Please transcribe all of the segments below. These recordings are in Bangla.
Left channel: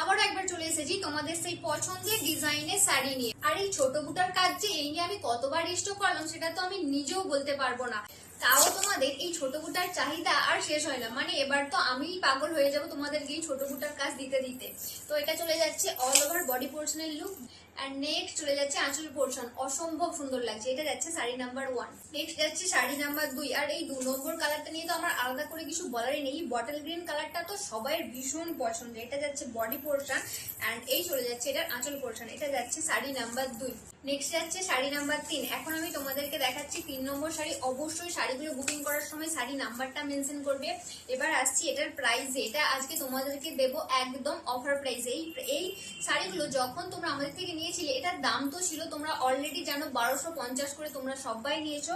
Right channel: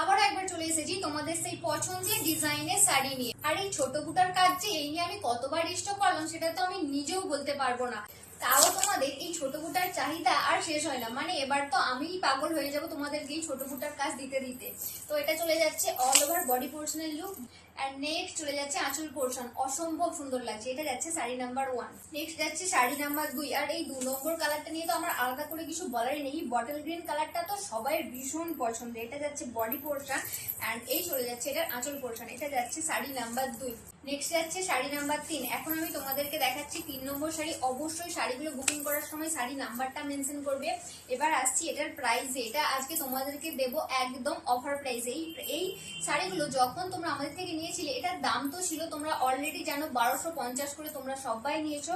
আবার একবার চলে এসেছি তোমাদের সেই পছন্দের ডিজাইনের শাড়ি নিয়ে। আর এই ছোট বুটার কাজ যে এই নিয়ে আমি কতবার স্টক করলাম সেটা তো আমি নিজেও বলতে পারবো না। তাও তোমাদের এই ছোট বুটার চাহিদা আর শেষ হয় না, মানে এবার তো আমি পাগল হয়ে যাব তোমাদেরকে এই ছোট বুটার কাজ দিতে দিতে। তো এটা চলে যাচ্ছে অল ওভার বডি পোর্শনের লুক। আর নেক্সট চলে যাচ্ছে আঁচল পোর্শন, অসম্ভব সুন্দর লাগছে। এটা যাচ্ছে শাড়ি নাম্বার 1। নেক্সট যাচ্ছে শাড়ি নাম্বার 2। আর এই 2 নম্বর কালারটা নিয়ে তো আমার আলাদা করে কিছু বলারই নেই। বটল গ্রিন কালারটা তো সবাই ভীষণ পছন্দের। এটা যাচ্ছে বডি পোর্শন এন্ড এই চলে যাচ্ছে এটার আঁচল পোর্শন। এটা যাচ্ছে শাড়ি নাম্বার 2। নেক্সট যাচ্ছে শাড়ি নাম্বার 3। এখন আমি তোমাদেরকে দেখাচ্ছি 3 নম্বর শাড়ি। অবশ্যই শাড়িগুলো বুকিং করার সময় শাড়ি নাম্বারটা মেনশন করবে। এবার আসছি এটার প্রাইসে। এটা আজকে তোমাদেরকে দেবো একদম অফার প্রাইসে। এই শাড়িগুলো যখন তোমরা আমাদের থেকে নিয়েছিলে এটার দাম তো ছিল তোমরা অলরেডি জানো 1250 করে তোমরা সবাই নিয়েছো।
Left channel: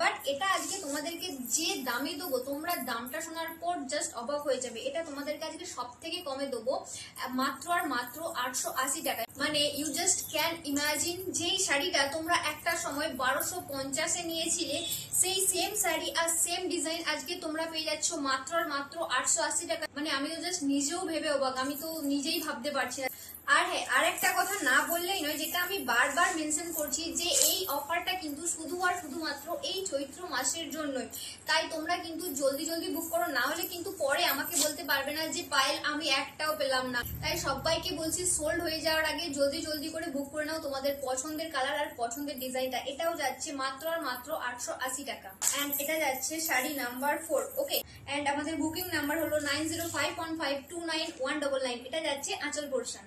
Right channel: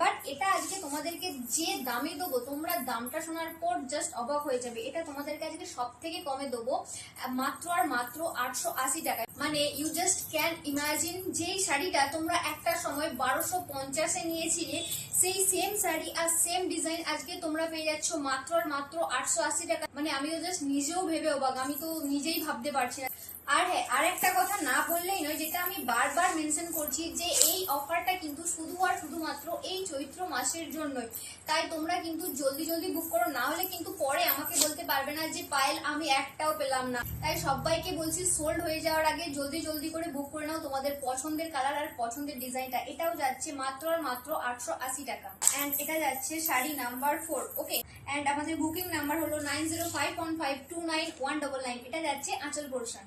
বাট এটা আজকে তোমাদেরকে যে দামে দেবো তোমরা দামটা শোনার পর জাস্ট অবাক হয়ে যাবে। এটা তোমাদেরকে আজকে সব থেকে কমে দেবো মাত্র আর মাত্র 880 টাকায়। মানে ইউ জাস্ট ক্যান ইমাজিন, যেই শাড়িটা তোমরা একটা সময় 1250-এ নিয়েছিলে সেই সেম শাড়ি আর সেম ডিজাইন আজকে তোমরা পেয়ে যাচ্ছ মাত্র আর মাত্র 880 টাকা। মানে আমি তো জাস্ট নিজেও ভেবে অবাক, আমি তো নিজেই ভাবতে পারছি না। আর হ্যাঁ, আরেকটা কথা না বললেই নয়, যেটা আমি বারবার মেনশন করছি, যে এই অফারটা কিন্তু শুধু আর শুধুমাত্র এই চৈত্র মাসের জন্যই। তাই তোমরা কিন্তু জলদি জলদি বুক করো, না হলে কিন্তু পরে আমাকে বলতে পারবে না যে পায়েল আমি একটাও পেলাম না। তাই সবাইকে বলছি সোল্ড হয়ে যাওয়ার আগে জলদি জলদি করে বুক করে নাও তোমাদের পছন্দের কালার আর পছন্দের ডিজাইনটা। এটাও যাচ্ছে মাত্র আর মাত্র 880 টাকা। এন্ড এটা যাচ্ছে শাড়ি নাম্বার 4। ওকে, এন্ড আমাদের বুকিং নাম্বার হলো 9051529199। এটা যাচ্ছে আঁচল পোর্শন।